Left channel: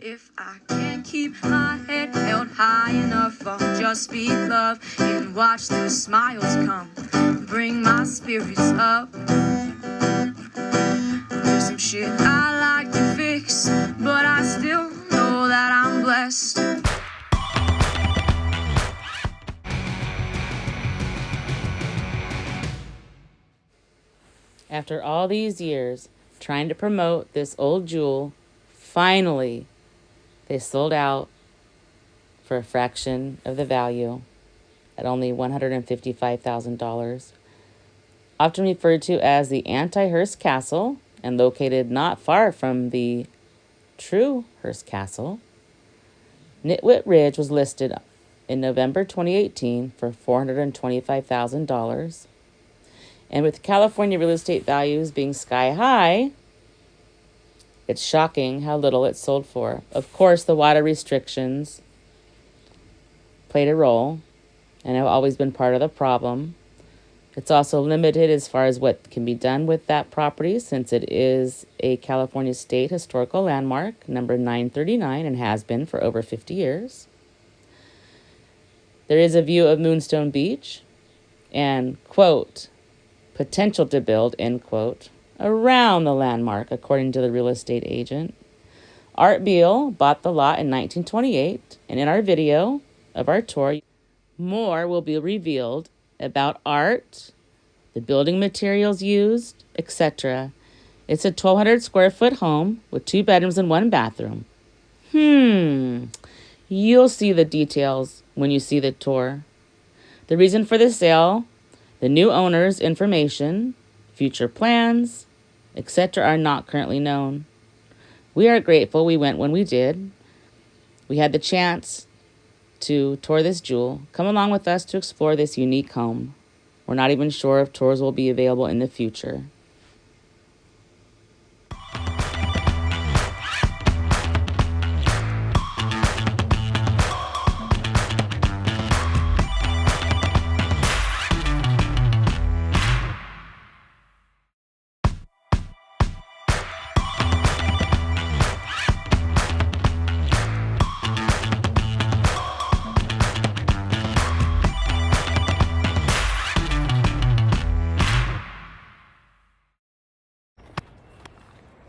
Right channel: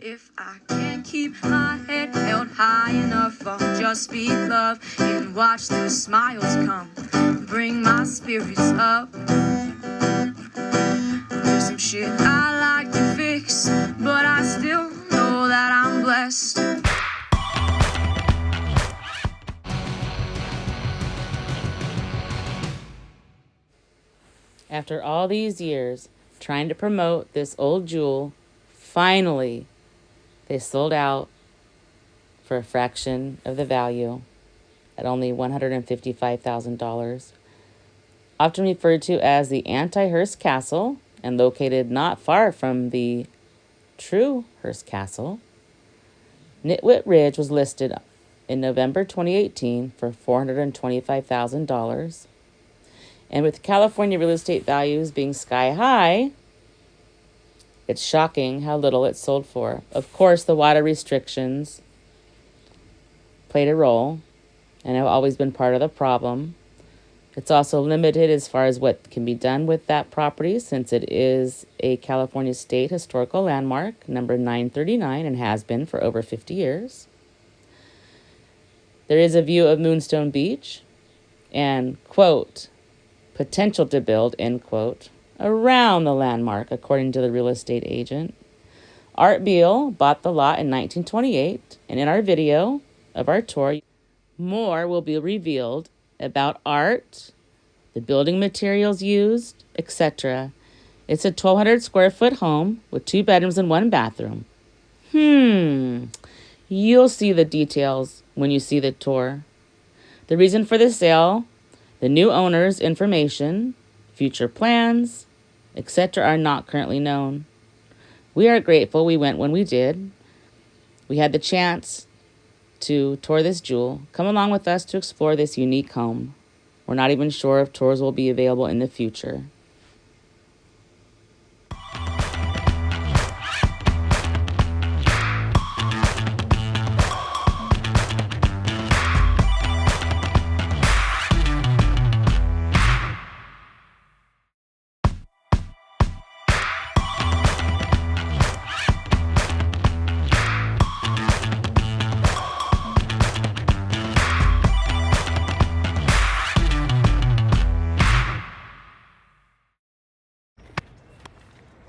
If I can't keep my head held high enough, I'll just speak love and watch the smiles come, bring my spirits up. There's some shit I like to fix, but I still know that I'm blessed. After all these years trying to promote this old jewel, finally they sold out for a fraction of the value at only $155,000. Often referred to as the anti-Hearst Castle and located not far from the true Hearst Castle, Nitt Witt Ridge was listed in November 2018 for $425,000. And with California real estate values being sky high, it's shocking how little it sold for. Of course, the water restrictions played a role and have always been part of the problem. It's also limited as far as what can be done with that property since it is a California State Historical Landmark, number 939, and has been for over 50 years. There is a view of Moonstone Beach and, quote, potential to build, end quote, around the landmark, according to the real estate agent. Art Beal bought the lot in 1928, and in our video of our tour, more will be revealed about Art, the building materials used, etc. It's a 1,200 square foot home with 2 bedrooms and 1 bathroom. You'll see the details when you see the tour. The reason for the sale, the new owner's information, future plans, etc. are not currently known. We are grateful we went when we did. We had the chance to tour this jewel. Come along with us to explore this unique home. We're not even sure if tours will be available in the future.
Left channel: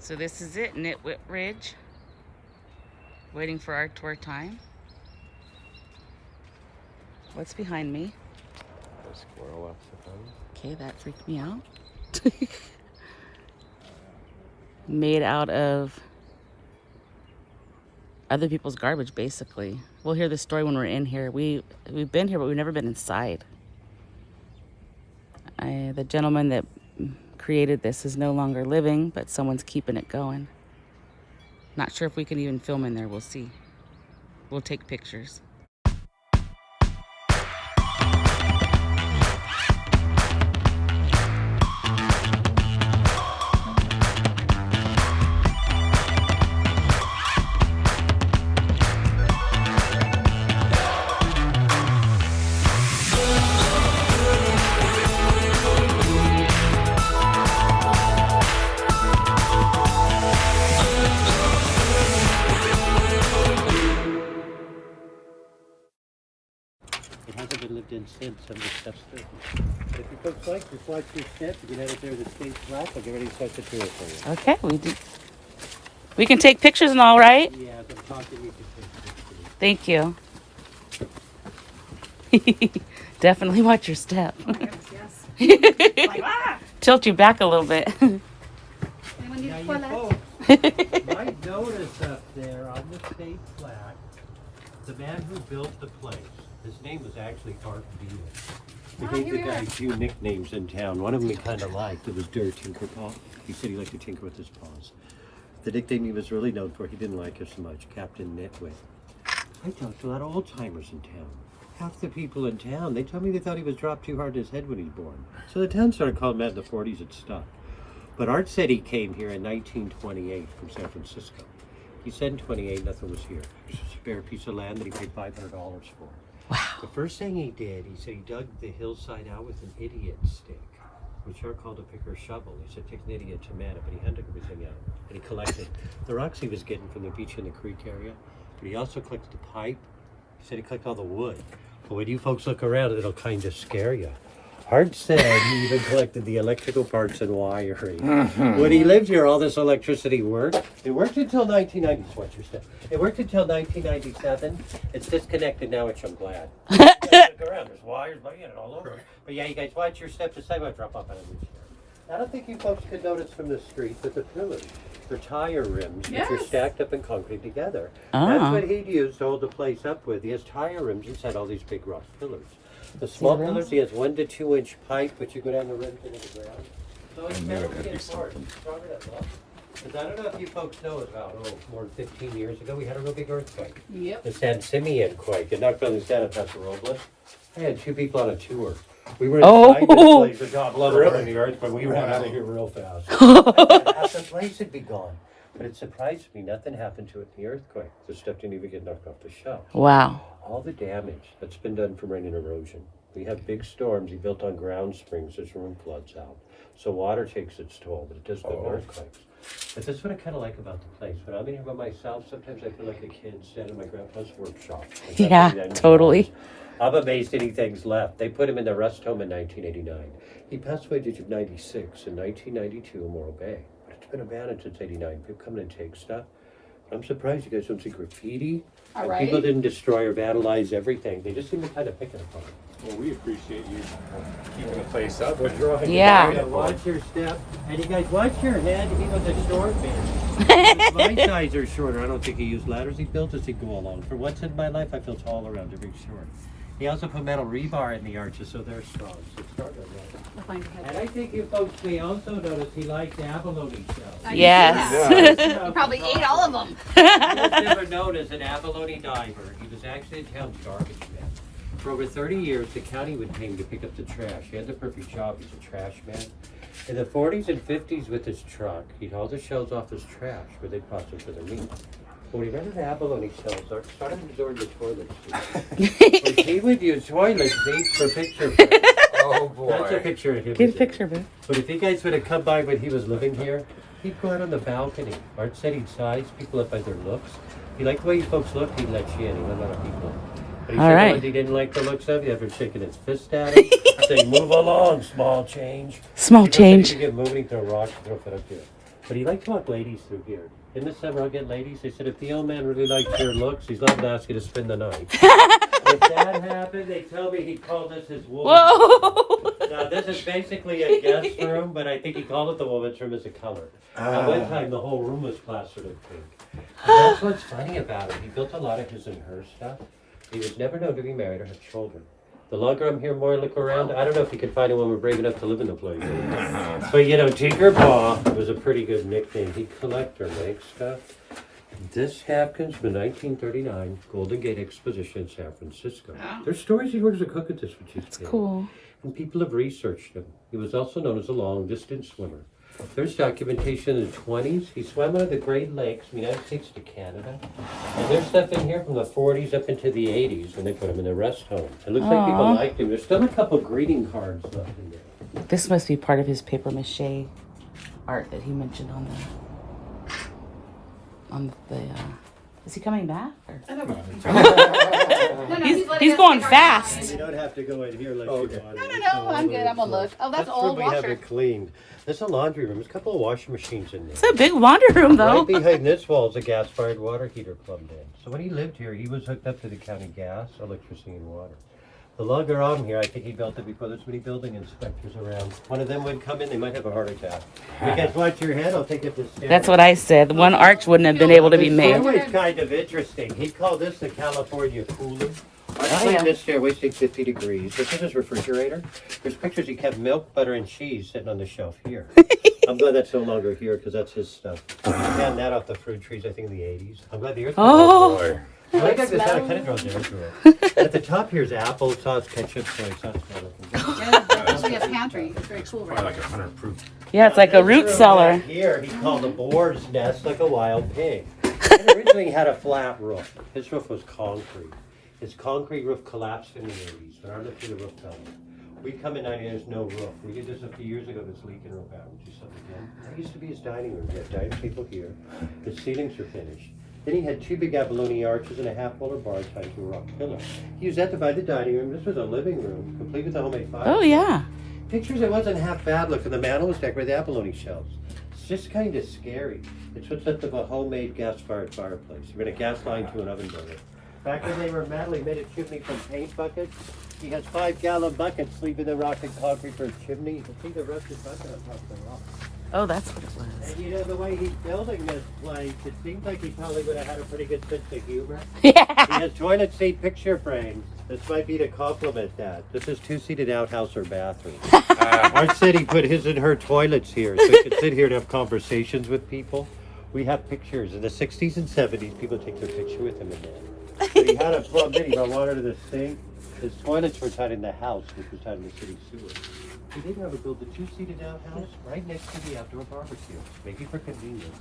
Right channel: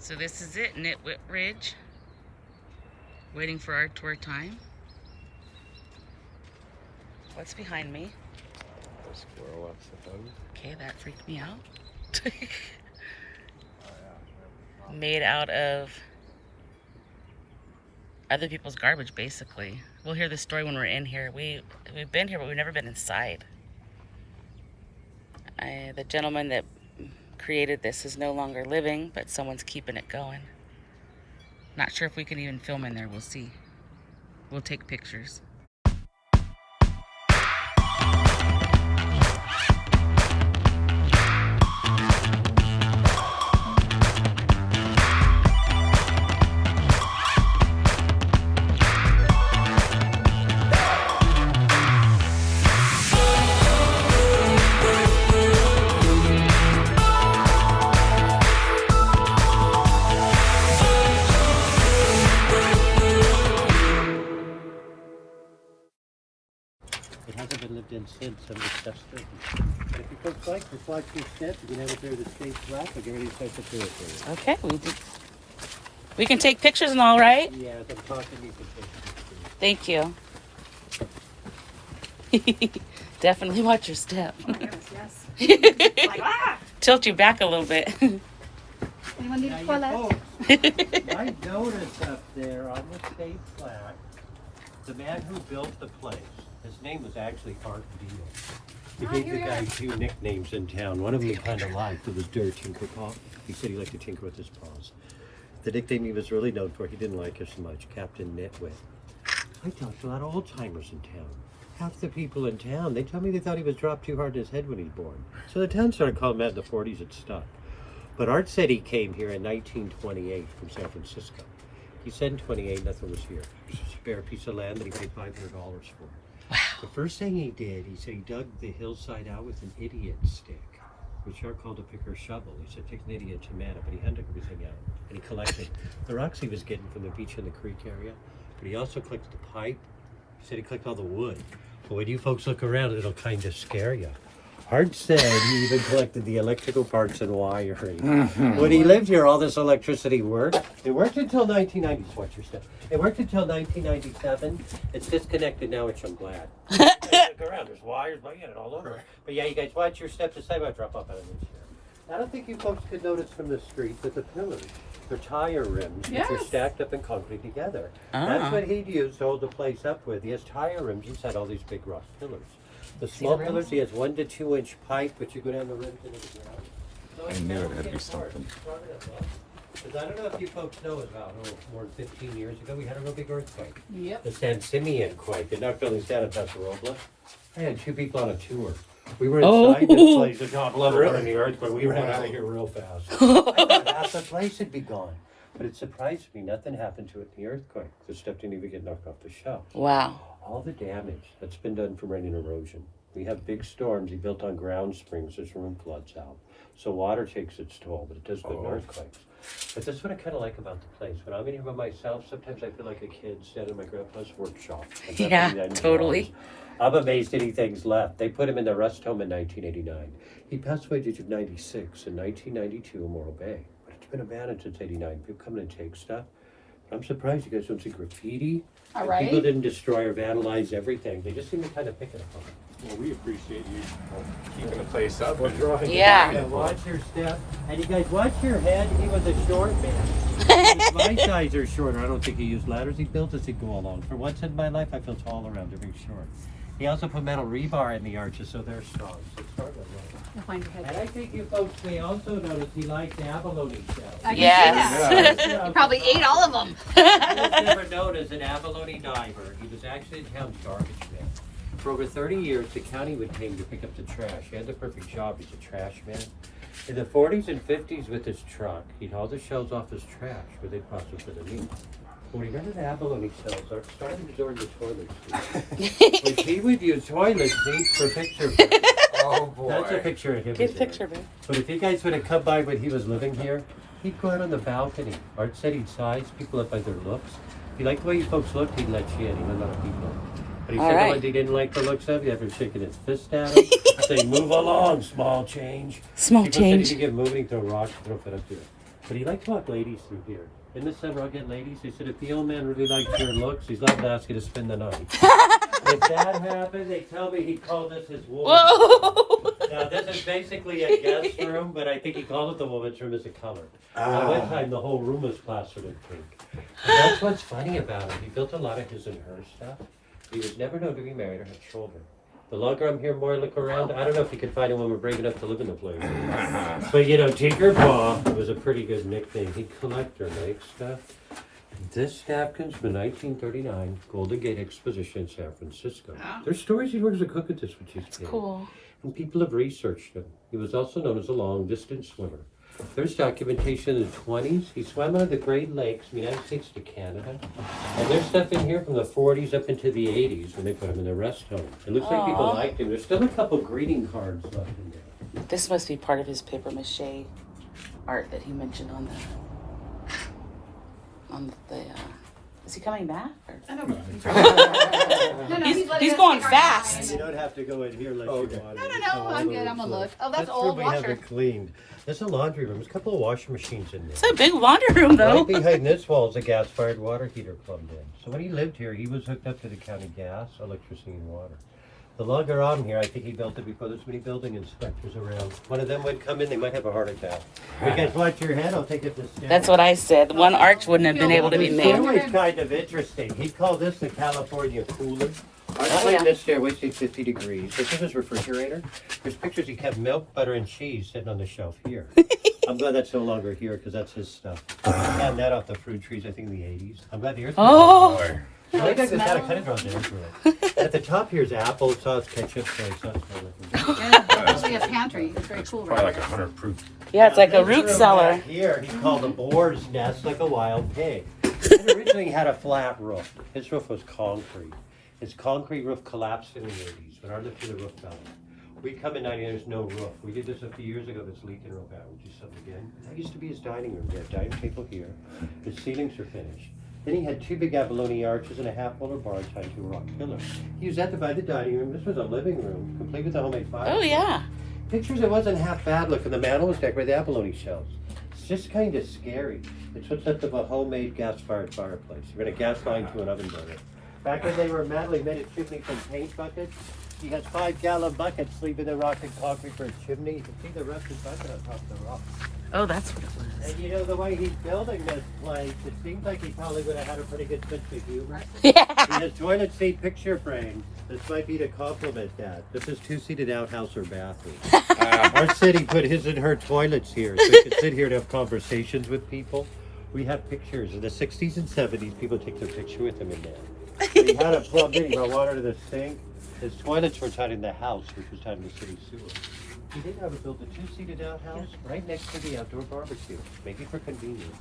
So this is it, Nitt Witt Ridge. Waiting for our tour time. What's behind me? A squirrel, I suppose. Okay, that freaked me out. Made out of other people's garbage, basically. We'll hear the story when we're in here. We've been here, but we've never been inside. The gentleman that created this is no longer living, but someone's keeping it going. Not sure if we can even film in there. We'll see. We'll take pictures. It hasn't been lived in since some of the stuff's still here. If you folks like, just watch your steps. You can head up there to the stage flat. I'll get ready to start the tour for you. Okay, we can take pictures and all, right? Yeah, as I'm talking, you can take pictures. Thank you. Definitely watch your step. Tilt you back a little bit. Now you folks might notice up there on the stage flat, the man who built the place. His name was actually Art Beal. He gave the guy a few nicknames in town. One of them he kind of liked. It was Dirt Tinkerpaw. He said he liked to tinker with his paws. The nickname he was really known for, he didn't like us so much, Captain Nitt Witt. I talked to a lot of old-timers in town. Half the people in town, they told me they thought he was dropped too hard in his head when he was born. So the town started calling him that in the 40s. It stuck. But Art said he came here in 1928 from San Francisco. He said in 28 nothing was here. It was a spare piece of land that he paid $500 for. Wow. The first thing he did, he said he dug the hillside out with an idiot stick. which are called a picker shovel. He's a technidia tomato, but he hunted everything out. And he collected the rocks he was getting from the beach in the creek area. But he also collected the pipe. He said he collected all the wood. But when you folks look around, it'll kind of scare you. Hart said he even collected the electrical parts and wiring. When he lived here, all this electricity worked. It worked until 1990. Watch your step. It worked until 1997. It's disconnected now, which I'm glad. Look around. There's wires laying all over. But yeah, you guys watch your steps. This time I drop off out of this. I don't think you folks could notice from the street, but the pillars, they're tire rims, which are stacked up in concrete together. That's what he'd use to hold the place up with. He has tire rims inside all these big rock pillars. The small pillars, he has 1 to 2 inch pipe, which you go down the rims into the ground. So it's never get hard. Because I don't know if you folks know about, more than 15 years ago, we had a real big earthquake. Yep. The San Simeon quake. It knocked buildings down in Paso Robles. I had 2 people on a tour. We were inside this place, the job lover in the earthquake. We ran out of here real fast. Half the place would be gone. But it surprised me, nothing happened to it in the earthquake. The stuff didn't even get knocked off the shelf. Wow. All the damage that's been done from rain and erosion. We have big storms. He built on ground springs. There's room floods out. So water takes its toll, but it does go to earthquakes. But that's what I kind of like about the place. When I'm in here by myself, sometimes I feel like a kid standing in my grandpa's workshop. Yeah, totally. I'm amazed anything's left. They put him in the rest home in 1989. He passed away at the age of 96 in 1992 in Morro Bay. But it's been abandoned since 89. People come in and take stuff. But I'm surprised you guys don't see graffiti. People didn't destroy or vandalize everything. They just seem to kind of pick it apart. Well, we appreciate you keeping the place up. Yeah. Watch your step. And you guys, watch your head. He was a short man. My size are shorter. I don't think he used ladders. He built as he go along. For once in my life, I feel tall around every short. He also put metal rebar in the arches so they're strong. So it's hard to run. And I think you folks may also notice he liked abalone shells. Yes. He probably ate all of them. He was never known as an abalone diver. He was actually a town garbage man. For over 30 years, the county would pay him to pick up the trash. He had the perfect job. He's a trash man. In the 40s and 50s with his truck, he'd haul the shells off his trash where they'd process for their meat. When he got his abalone shells, I started resorting to toilet seats. But he would use toilet seats for picture frames. Oh boy. That's a picture of him. Good picture, babe. But if you guys would have come by when he was living here, he'd go out on the balcony. Art said he'd size people up by their looks. He liked the way you folks looked, he'd let you in. He let a lot of people in. But he said the ones he didn't like the looks of, he had been shaking his fist at him. Say, move along, small change. Small People change. said he could get moving, throw rocks, throw it up here. But he liked to walk ladies through here. Didn't this ever get ladies? They said if the old man really likes your looks, he's liable to ask you to spend the night. If that happened, they tell me he'd call this his woman's room. Now this is basically a guest room, but I think he called it the woman's room as a color. At one time, the whole room was plastered in pink. And that's what's funny about it. He built a lot of his and her stuff. He was never known to be married or have children. The longer I'm here, more I look around. I don't know if he could find a woman brave enough to live in the place. But you know, Tinkerpaw was a pretty good nickname. He'd collect or make stuff. This napkin's from 1939 Golden Gate Exposition in San Francisco. There's stories he worked as a cook at this, which is cool. And people have researched him. He was also known as a long-distance swimmer. There's documentation in the 20s. He swam out of the Great Lakes from the United States to Canada. And there's stuff in here from the 40s up into the 80s when they put him in the rest home. It looks like people liked him. There's still a couple greeting cards left in there. This must be part of his paper mache art that he mentioned on the is he coming back? I know. He's going fast. You don't have to go in here like you want. No, I'm good. I'm gonna look. Oh, that's old where we have washer. it cleaned. That's a laundry room. There's a couple of washing machines in there. It's a big laundry room, though. Right behind this wall is a gas-fired water heater plumbed in. So when he lived here, he was hooked up to the county gas, electricity, and water. The longer on here, I think he built it before there's many building inspectors around. One of them would come in, they might have a heart attack. You guys watch your head, I'll take it to the stairway. That's what I said. One arch wouldn't have been able to be The made. stairway's kind of interesting. He called this the California cooler. Actually, this stairway stayed 50 degrees. This is his refrigerator. There's pictures he kept milk, butter, and cheese sitting on the shelf here. I'm glad that's no longer here because that's his stuff. He found that off the fruit trees, I think, in the 80s. I'm glad the earth Boy. I like this out. It kind of grows into it. At the top here is apple sauce, ketchup, soy sauce. It's like a pantry. It's very cool. Probably like 100 proof. Yeah, it's like a root cellar. Here, he called the boar's nest like a wild pig. And originally he had a flat roof. His roof was concrete. His concrete roof collapsed in the 80s, but hardly through the roof got it. We come in 90, there's no roof. We did this a few years ago, that's leaking real bad. We'll do something again. That used to be his dining room. He had a dining table here. His ceilings were finished. Then he had 2 big abalone arches and a half-boiler bar tied to a rock pillar. He used that to divide the dining room. This was a living room, complete with a homemade fireplace. Oh, yeah. Pictures, it wasn't half bad looking. The mantel was decorated with abalone shells. It's just kind of scary. It's what's left of a homemade gas-fired fireplace. We had a gas line to an oven burner. Back when they were metal, he made a chimney from paint buckets. He has 5-gallon buckets leaving the rock and concrete for a chimney. You can see the rust is on top of the rock. Oh, that's what it was. And you know, the way he's building this place, it seems like he probably would have had a pretty good sense of humor. Yeah. He has toilet seat picture frames. This might be to compliment that. This is 2-seated outhouse or bathroom. Art said he put his and her toilets here so he could sit here and have conversations with people. We have pictures. In the 60s and 70s, people take their picture with him in there. He had a plumb in, he got water to the sink. His toilets were tied in the house, which was tied in the city sewer. He did ever build a 2-seated outhouse right next to the outdoor barbecue, maybe for convenience.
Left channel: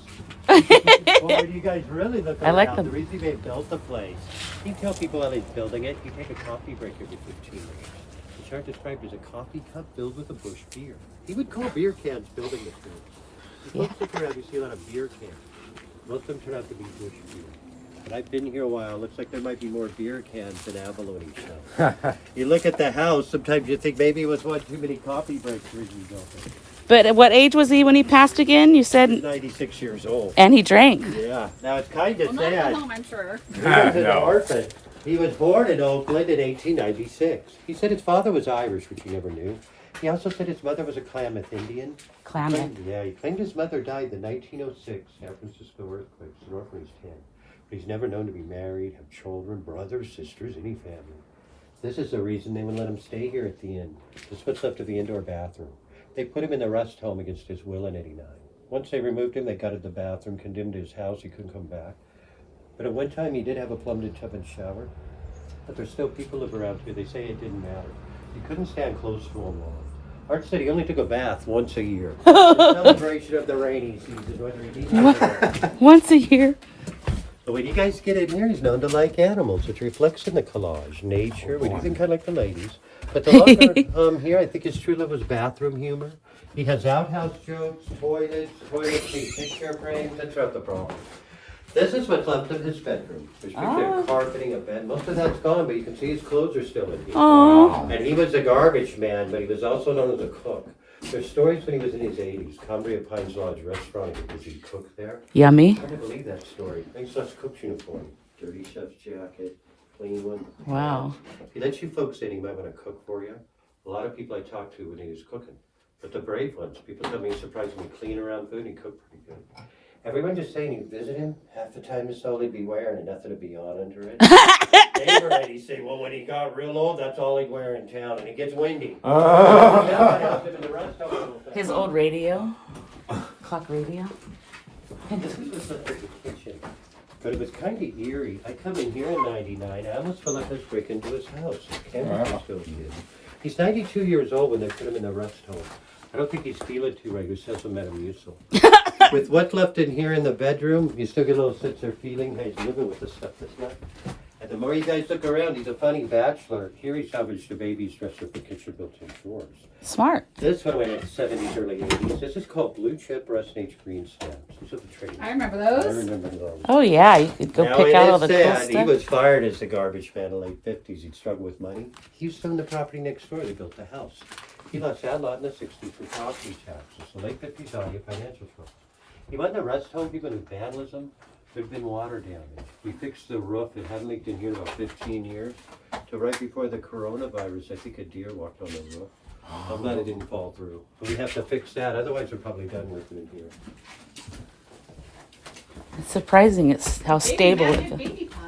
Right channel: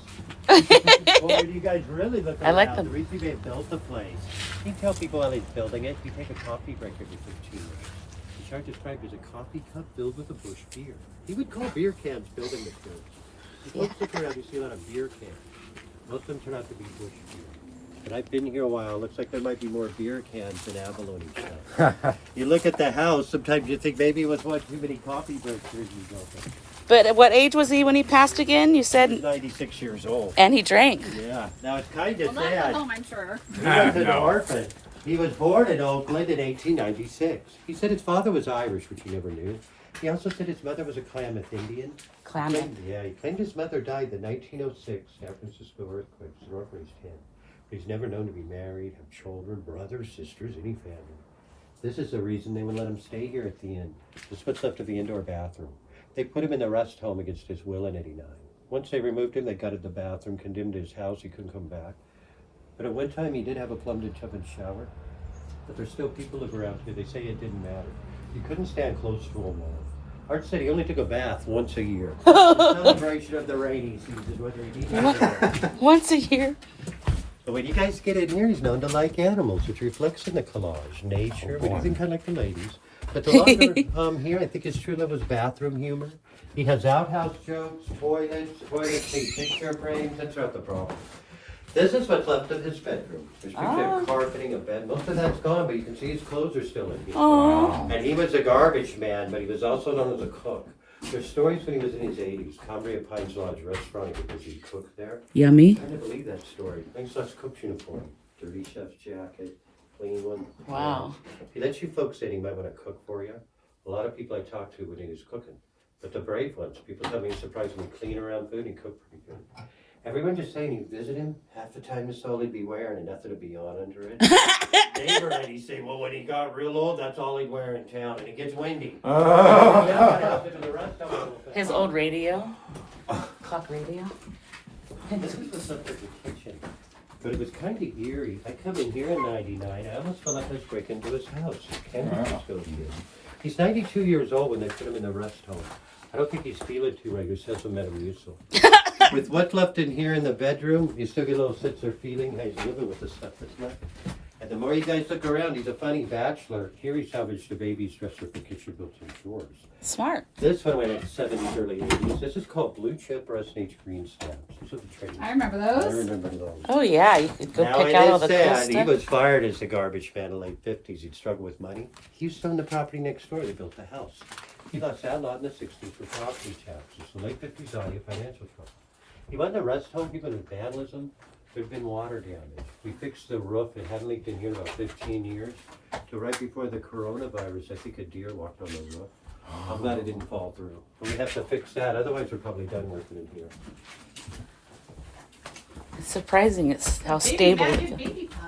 Well, when you guys really look around, like the reason they built the place, he tell people while he's building it, he take a coffee break every 15 minutes. The chart described as a coffee cup filled with a bush beer. He would call beer cans building materials. If folks look around, you see a lot of beer cans. Most of them turn out to be bush beer. But I've been here a while. Looks like there might be more beer cans than abalone shells. You look at the house, sometimes you think maybe it was one too many coffee breaks originally built it. But at what age was he when he passed again? You He was said, 96 years old. and he drank. Yeah. Now it's kind of Well, not at sad. home, I'm sure. He was an No. orphan. He was born in Oakland in 1896. He said his father was Irish, which he never knew. He also said his mother was a Klamath Indian. Klamath. Yeah, he claimed his mother died in 1906 San Francisco earthquake. The rough raised him. But he's never known to be married, have children, brothers, sisters, any family. This is the reason they would let him stay here at the inn. This is what's left of the indoor bathroom. They put him in the rest home against his will in '89. Once they removed him, they gutted the bathroom, condemned his house, he couldn't come back. But at one time he did have a plumbed tub and shower. But there's still people live around here. They say it didn't matter. He couldn't stand close to him long. Art said he only took a bath once a year. In celebration of the rainy season, whether he needed it or not. Once a year. But when you guys get in here, he's known to like animals, which reflects in the collage, nature, anything kind of like the 90s. But the lot here, I think his true love was bathroom humor. He has outhouse jokes, toilets, picture frames. That's not the problem. This is what's left of his bedroom. There's picture of carpeting, a bed. Most of that's gone, but you can see his clothes are still in here. Oh. And he was a garbage man, but he was also known as a cook. There's stories when he was in his 80s, Cambria Pines Lodge restaurant, because he cooked there. Yummy. I can't believe that story. Thanks to cook's uniform, dirty chef's jacket, clean one. Wow. If he lets you folks in, he might want to cook for you. A lot of people I talk to when he was cooking, but the brave ones, people tell me he's surprisingly clean around food and he cooked pretty good. Everyone just saying you visit him, half the time his soul he'd be wearing and nothing to be on under it. Neighbor ladies say, well, when he got real old, that's all he'd wear in town, and it gets windy. His old radio. Clock radio. This was the stuff in the kitchen. But it was kind of eerie. I come in here in '99. I almost felt like I was breaking into his house. Cambria still is. He's 92 years old when they put him in the rest home. I don't think he's feeling too right. He says some Metamucil. With what's left in here in the bedroom, you still get a little sense of feeling. Hey, he's living with the stuff that's left. And the more you guys look around, he's a funny bachelor. Here he salvaged the baby's dresser for kitchen built-in drawers. Smart. This one went in the 70s, early 80s. This is called Blue Chip Resonate Green Stamps. These are the trading. I remember I those. remember those. Oh, yeah. You could go Now pick it out all is the cool sad. He stuff. was fired as the garbage man in the late 50s. He'd struggled with money. He used to own the property next door. They built the house. He lost that lot in the 60s for property taxes. The late 50s on you financial trouble. He went to rest home people with vandalism. There'd been water damage. We fixed the roof. It hadn't leaked in here in about 15 years. So right before the coronavirus, I think a deer walked on the roof. I'm glad it didn't fall through. But we have to fix that. Otherwise, we're probably done with it in here. It's surprising it's how stable it is. Baby powder.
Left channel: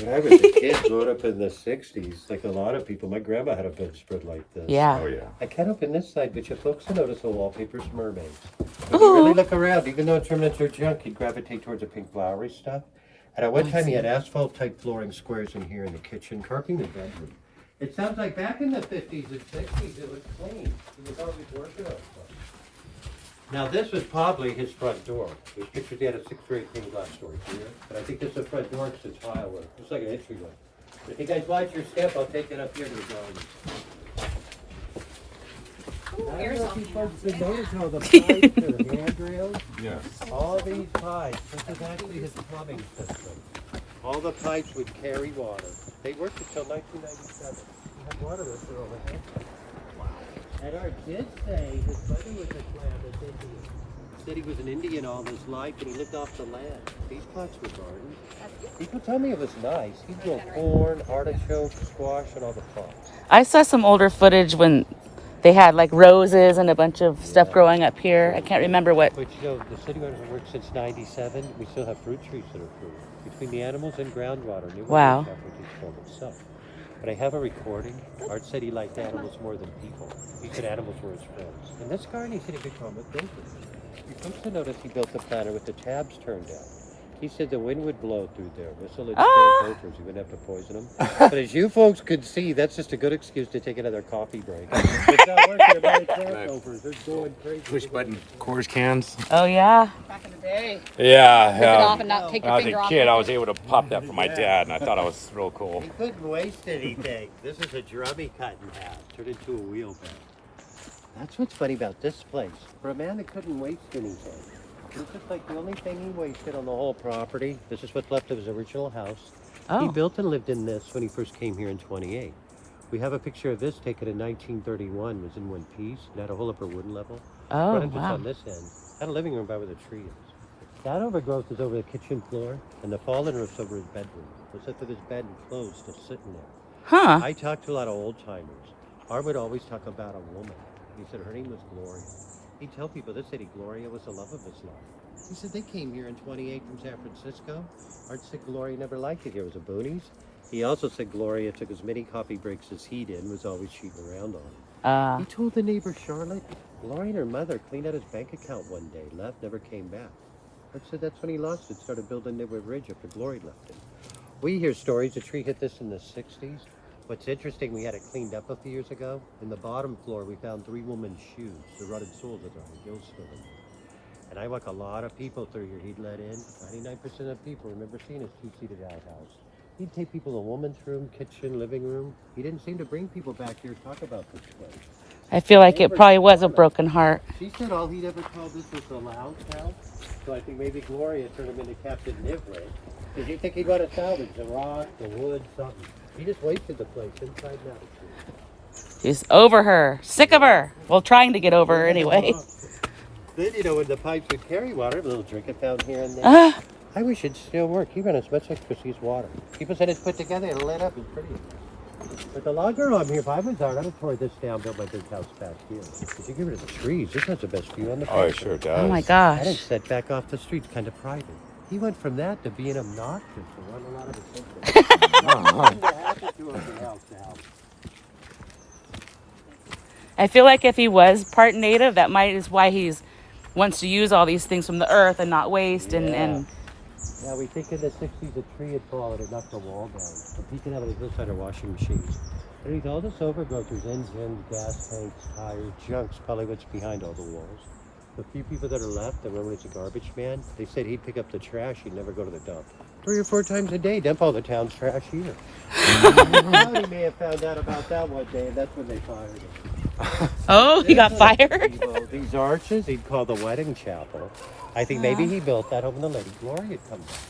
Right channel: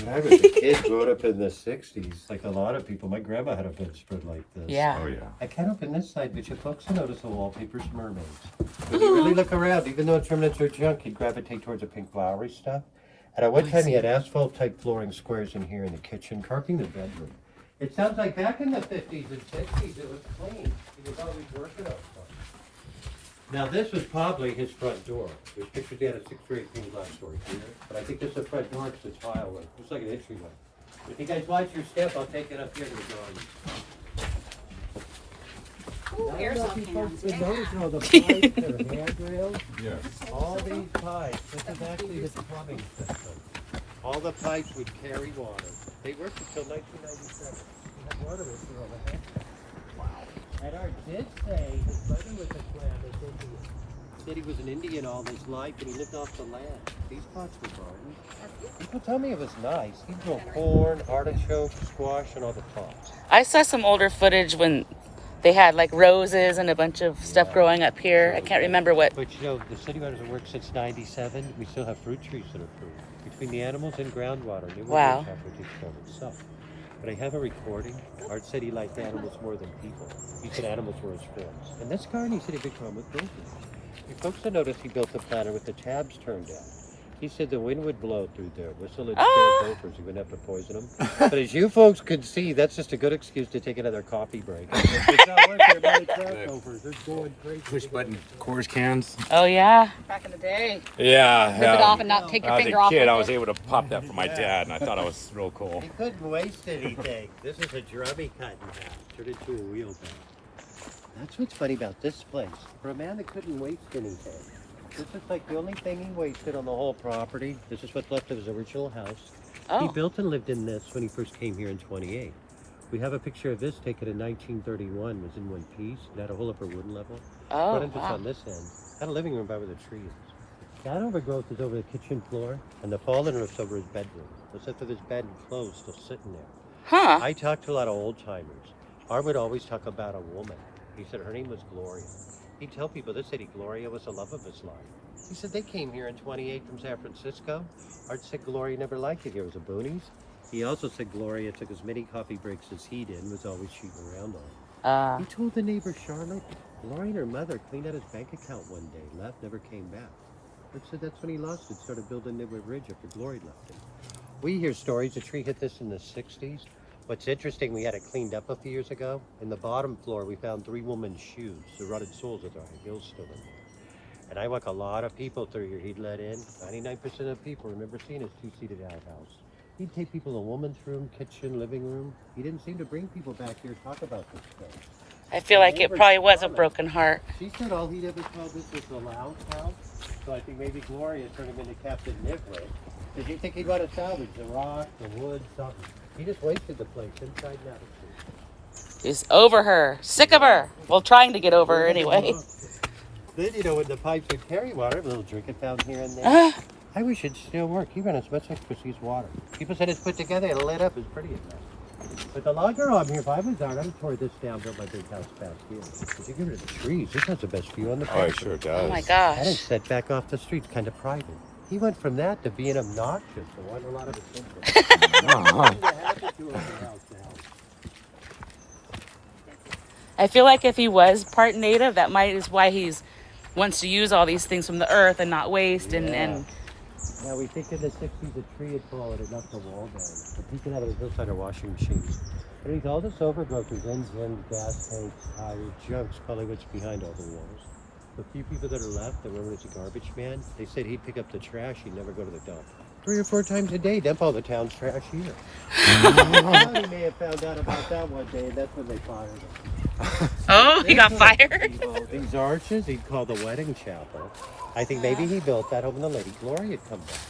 When I was a kid, growing up in the 60s, like a lot of people, my grandma had a bedspread like this. Yeah. Oh, yeah. I can't open this side, but you folks will notice the wallpaper's mermaids. When you really look around, even though it's remnants or junk, you gravitate towards the pink flowery stuff. And at one time, he had asphalt-type flooring squares in here in the kitchen, carpeting the bedroom. It sounds like back in the 50s and 60s, it was clean. He was always working on stuff. Now, this was probably his front door. There's pictures he had a 6 or 8 pane glass door here. But I think this is the front door. It's a tile one. Looks like an entryway. If you guys watch your step, I'll take that up here to the garden. I don't know if you folks been noticing all the pipes or handrails. Yes. All these pipes, this is actually his plumbing system. All the pipes would carry water. They worked until 1997. He had water there for over half. Wow. And our did say his brother was a Klamath Indian. Said he was an Indian all his life and he lived off the land. These plots were gardens. People told me it was nice. He'd grow corn, artichokes, squash, and all the plants. I saw some older footage when they had like roses and a bunch of stuff growing up here. I can't remember what. But you know, the city runners have worked since '97. We still have fruit trees that are fruit. Between the animals and groundwater, Nitt Witt Wow. Ridge actually takes care of itself. But I have a recording. Art said he liked animals more than people. He said animals were his friends. In this garden, he said he could comic builders. You folks have noticed he built the planter with the tabs turned down. He said the wind would blow through there, whistle and scare gophers. He wouldn't have to poison them. But as you folks could see, that's just a good excuse to take another coffee break. It's not working about the track gophers. They're going crazy. Push button Coors cans. Oh yeah. Back in the day. Yeah, Rip it off and not take When your I was finger a off. kid, with I it. was able to pop that for my dad, and I thought it was real cool. He couldn't waste anything. This is a drummy cut in half, turned into a wheelbarrow. That's what's funny about this place. For a man that couldn't waste anything, this is like the only thing he wasted on the whole property. This is what's left of his original house. He Oh. built and lived in this when he first came here in '28. We have a picture of this taken in 1931. It was in one piece. It had a whole upper wooden level. Oh. Frontage was Wow. on this end. Had a living room by where the tree is. That overgrowth is over the kitchen floor, and the fallen roof's over his bedroom. It's up to his bed and clothes still sitting there. Huh. I talked to a lot of old timers. Art would always talk about a woman. He said her name was Gloria. He'd tell people this city, Gloria was the love of his life. He said they came here in '28 from San Francisco. Art said Gloria never liked it. There was a boonies. He also said Gloria took as many coffee breaks as he did and was always cheating around on him. He told the neighbor Charlotte, Gloria and her mother cleaned out his bank account one day, left, never came back. Art said that's when he lost it, started building Nitt Witt Ridge after Gloria left him. We hear stories. The tree hit this in the '60s. What's interesting, we had it cleaned up a few years ago. In the bottom floor, we found 3 women's shoes, the rutted soles with our heels stood in. And I walk a lot of people through here. He'd let in. 99% of people remember seeing his 2-seated outhouse. He'd take people to a woman's room, kitchen, living room. He didn't seem to bring people back here to talk about this place. I feel like it probably was a broken heart. She said all he'd ever called this was a lounge house. So I think maybe Gloria turned him into Captain Nitt Witt. Did you think he'd want to salvage the rock, the wood, something? He just wasted the place inside and out. He's over her. Sick of her. Well, trying to get over her anyway. Then, you know, when the pipes would carry water, a little drinking fountain here and there. I wish it'd still work. You run as much as Chrissy's water. People said it's put together and lit up. It's pretty. With the logger on here, if I was out, I'd have tore this down, built my big house back here. If you give it to the trees, this has the best view on the Oh, it park. sure does. Oh my And gosh. it's set back off the street, kind of private. He went from that to being obnoxious and wanting a lot of attention. Nothing to happen to him from house to house. I feel like if he was part native, that might is why he's wants to use all these things from the earth and not waste and Yeah, we think in the 60s a tree had fallen and knocked the wall down. So he could have a hillside a washing machine. And with all this overgrowth, there's engines, gas tanks, tires, junk's probably what's behind all the walls. The few people that are left, that one was a garbage man, they said he'd pick up the trash, he'd never go to the dump. 3 or 4 times a day, dump all the town's trash here. Somebody may have found out about that one day, and that's when they fired him. oh, he got fired. These arches, he'd call the wedding chapel. I think maybe he built that over the Lady Gloria come back.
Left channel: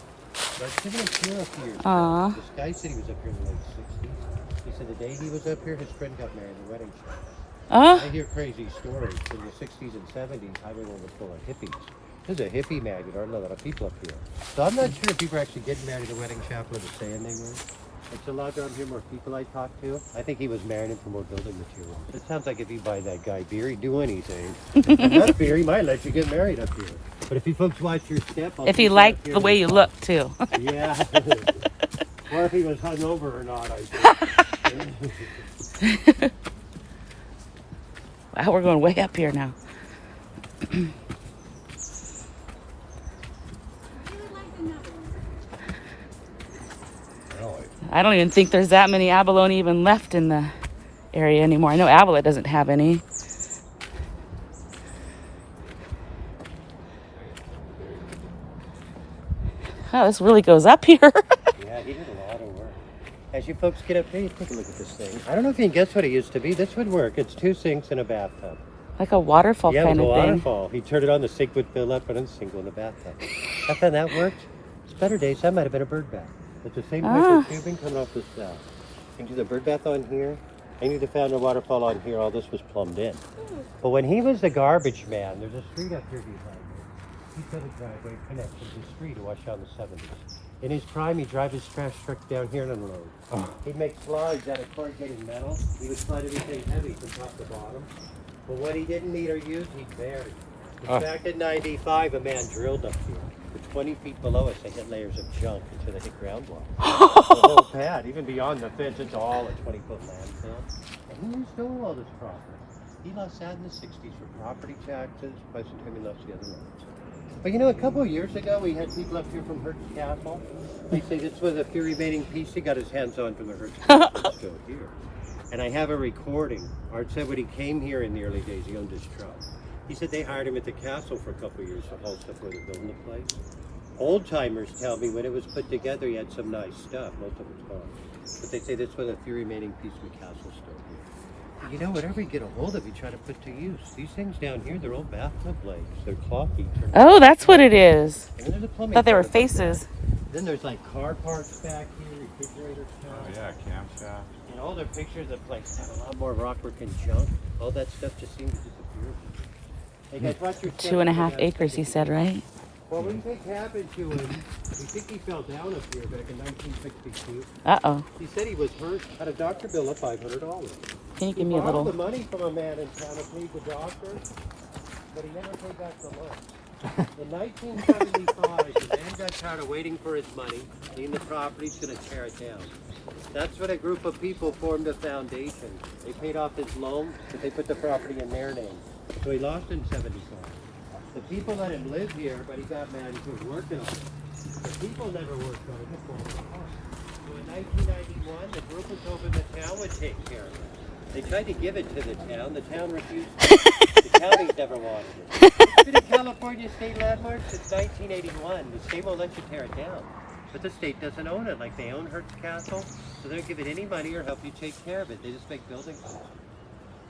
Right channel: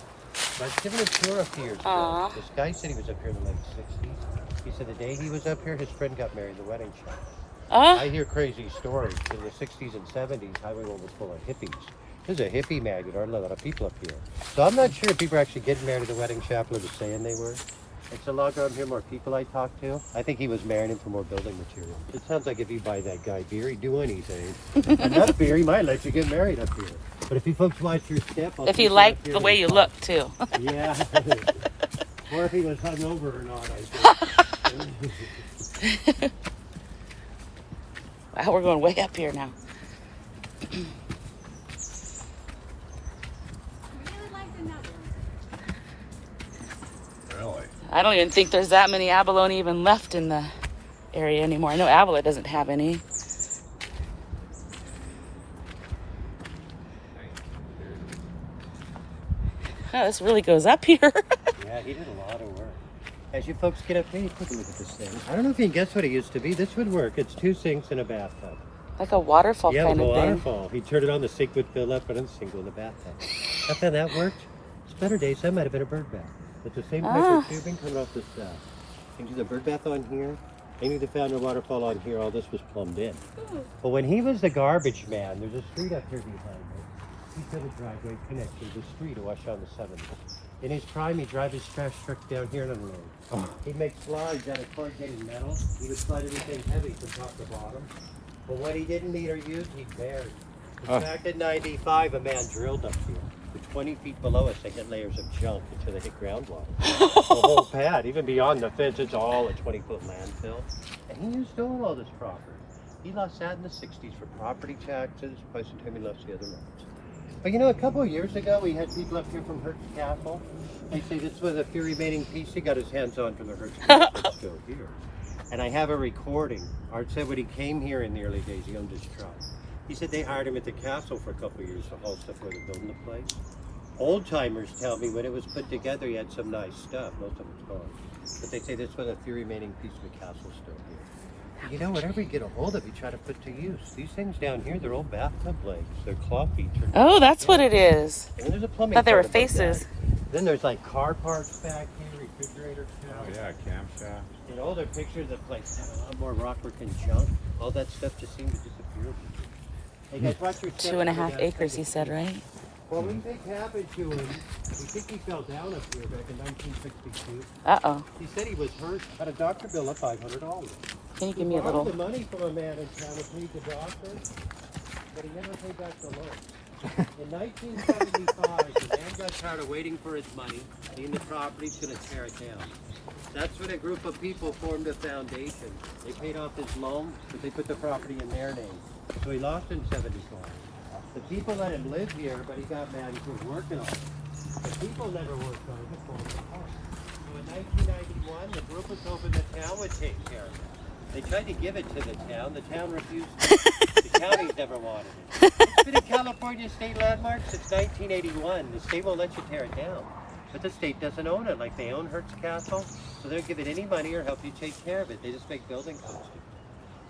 But given a tour up here, Aw. this guy said he was up here in the late 60s. He said the day he was up here, his friend got married at the wedding chapel. I hear crazy stories. In the 60s and 70s, everyone was full of hippies. There's a hippie magnet. There aren't a lot of people up here. So I'm not sure if people are actually getting married at the wedding chapel or saying they were. It's a lot around here, more people I talked to. I think he was marrying him for more building material. It sounds like if you buy that guy beer, he'd do anything. Enough beer, he might let you get married up here. But if you folks watch your step, I'll If take he you liked up here the way and you talk. look too. Yeah. Or if he was hungover or not, I think. Wow, we're going way up here now. Really? I don't even think there's that many abalone even left in the area anymore. I know Avila doesn't have any. Oh, this really goes up here. Yeah, he did a lot of work. As you folks get up here, you take a look at this thing. I don't know if you can guess what it used to be. This would work. It's 2 sinks and a bathtub. Like a waterfall Yeah, it was kind a of thing. waterfall. He turned it on, the sink would fill up, but I'm single in the bathtub. After that worked, it's better days. That might have been a bird bath. It's the same type of tubing coming off this You can do the bird bath on here. I need to found the waterfall on here. All this was plumbed in. But when he was the garbage man, there's a street up here behind me. He's got a driveway connected to the street to wash out the 70s. In his prime, he'd drive his trash truck down here and unload. He'd make slides out of corrugated metal. He would slide everything heavy from top to bottom. But what he didn't need or use, he buried. In fact, in 95, a man drilled up here. For 20 feet below us, they hit layers of junk until they hit groundwater. The whole pad, even beyond the fence, it's all a 20-foot landfill. And he used to own all this property. He lost that in the 60s for property taxes. By the time he lost the other roads. But you know, a couple of years ago, we had people up here from Hertz Castle. They say this was a few remaining piece he got his hands on from the Hertz Castle. It's still here. And I have a recording. Art said when he came here in the early days, he owned his truck. He said they hired him at the castle for a couple of years also before they built the place. Old timers tell me when it was put together, he had some nice stuff. Most of it's gone. But they say this was a few remaining piece of the castle still here. You know, whatever you get a hold of, you try to put to use. These things down here, they're old bathtub blades. They're claw features. Oh, that's what it is. And there's a plumbing. I thought they were part about faces. that. Then there's like car parts back here, refrigerator Oh, caps. yeah, camshaft. And older pictures of places had a lot more rockwork and junk. All that stuff just seems to disappear. Hey guys, watch your step. 2.5 acres, he said, right? Well, we think happened to him. We think he fell down up here back in 1962. Uh-oh. He said he was hurt, had a doctor bill of $500. Can you He give me a borrowed the little? money from a man in town to pay the doctor, but he never paid back the loan. In 1975, the man got tired of waiting for his money, being the property's going to tear it down. That's when a group of people formed a foundation. They paid off his loan, but they put the property in their name. So he lost in 75. The people let him live here, but he got mad he was working on it. The people never worked on it, it falls apart. So in 1991, the group was hoping the town would take care of it. They tried to give it to the town refused it. The county's never wanted it. It's been a California state landmark since 1981. The state won't let you tear it down. But the state doesn't own it, like they own Hertz Castle, so they don't give it any money or help you take care of it. They just make building codes.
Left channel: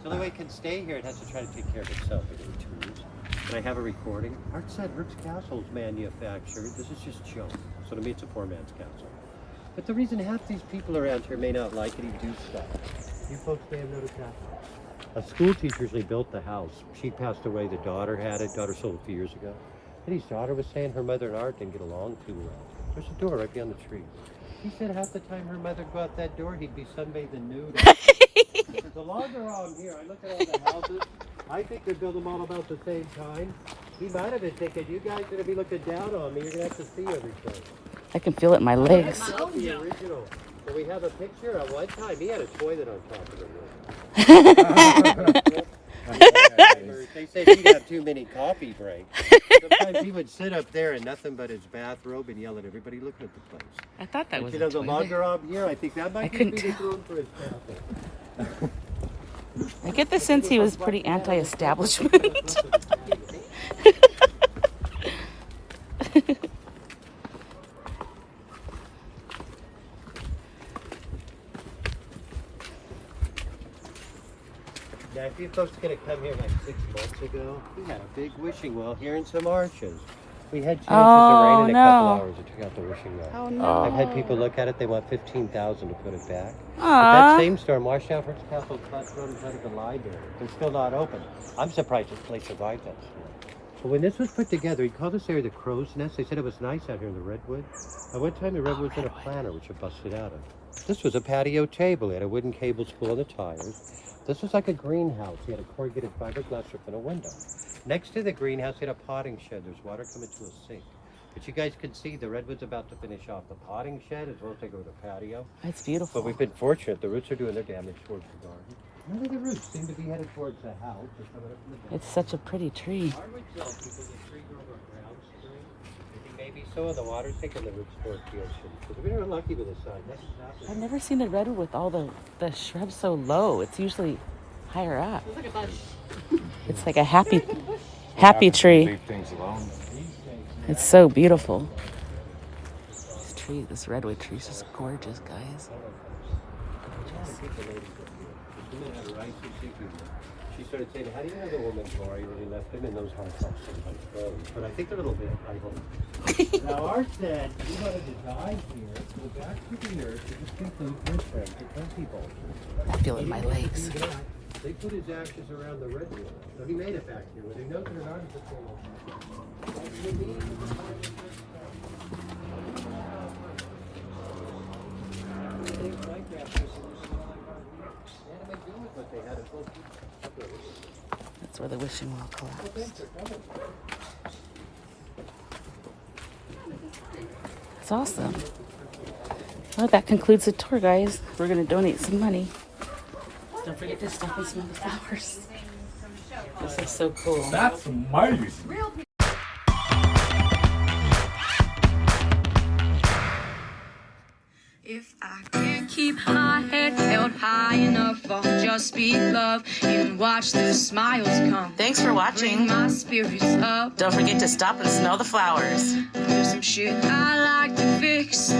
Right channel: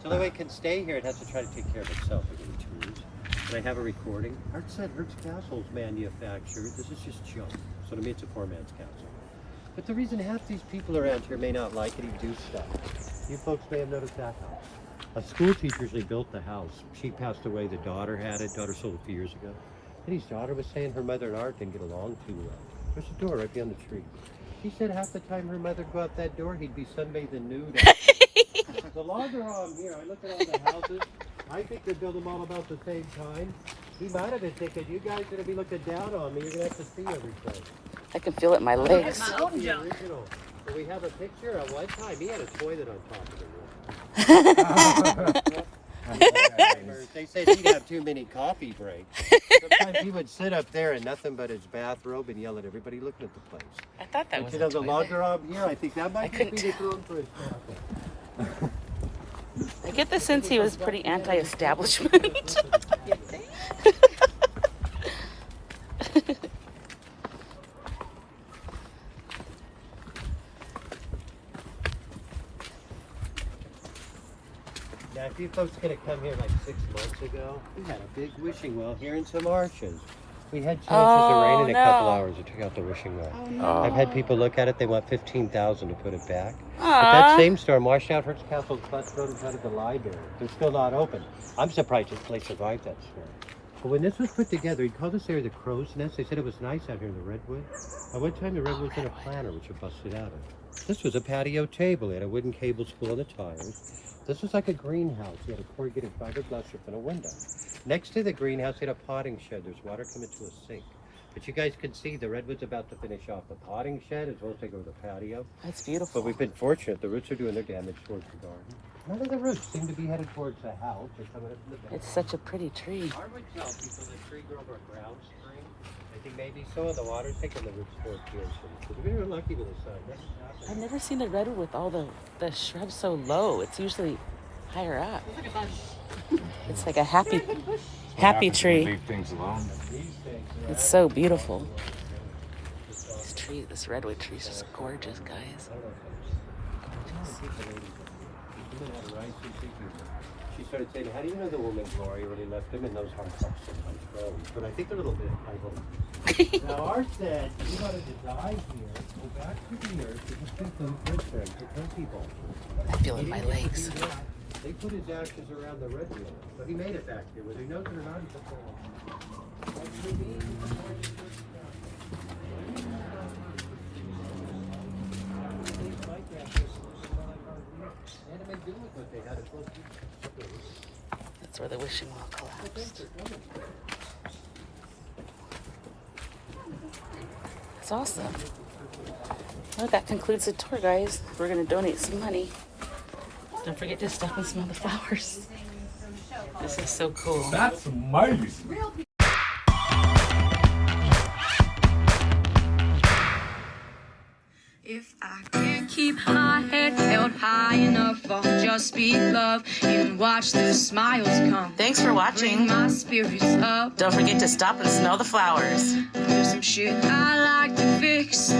So the way it can stay here, it has to try to take care of itself within 2 years. And I have a recording. Art said Hertz Castle's manufactured. This is just junk. So to me, it's a poor man's castle. But the reason half these people around here may not like it, he do stuff. You folks may have noticed that. A school teacher usually built the house. She passed away. The daughter had it. Daughter sold it a few years ago. And his daughter was saying her mother and Art didn't get along too well. There's a door right beyond the tree. He said half the time her mother go out that door, he'd be sunbathing nude. The longer I'm here, I look at all the houses. I think they built them all about the same time. He might have been thinking, you guys are going to be looking down on me. You're going to have to see everything. I can feel it in my legs. That's not the original. So we have a picture of one time he had a toilet on top of the roof. They said he'd have too many coffee breaks. Sometimes he would sit up there in nothing but his bathrobe and yell at everybody looking at the place. I thought that was You a know, the toilet. longer I'm here, I think that might just be the throne for his castle. I get the sense he was pretty anti-establishment. Now, if you folks could have come here like 6 months ago, we had a big wishing well here and some arches. We had 2 inches of rain in a couple hours. It took out the wishing well. Oh, no. I've had people look at it. They want $15,000 to put it back. But Aw. that same storm washed out Hertz Castle's best road and had a glide door. They're still not open. I'm surprised this place survived that storm. But when this was put together, he called this area the crow's nest. They said it was nice out here in the redwood. At one time, the redwood was in a planter, which it busted out of. This was a patio table. It had a wooden cable spool on the tires. This is like a greenhouse. He had a corrugated fiberglass roof and a window. Next to the greenhouse, he had a potting shed. There's water coming to a sink. But you guys can see the redwood's about to finish off the potting shed as well as they go to the patio. It's beautiful. But we've been fortunate. The roots are doing their damage towards the garden. None of the roots seem to be headed towards the house or coming up from the back. It's such a pretty tree. I would tell people the tree grew over a ground spring. I think maybe so. The water's taking the roots towards the ocean. Because we were lucky with the sun. That's what's I've happening. never seen a redwood with all the shrubs so low. It's usually higher up. Look at that. It's like a happy Happens when you tree. Leave things alone. It's so beautiful. This tree, this redwood tree is just gorgeous, guys. she started saying, how do you know the woman's Rory when he left him in those hard thoughts sometimes froze? But I think a little bit, I hope. Now, Art said he wanted to die here, so back to the nurse, it was put them with them to kill people. Feeling my legs. They put his ashes around the redwood, so he made it back here. Whether he knows it or not, he took care of it. That's where the wishing well goes. It's awesome. Well, that concludes the tour, guys. We're going to donate some money. Don't forget to stop and smell the flowers. This is so cool. That's amazing. If I can't keep my head held high enough, I'll just speak love and watch the smiles come. Thanks for Bring watching. my spirits up. Don't forget to stop and smell the flowers. There's some shit I like to fix.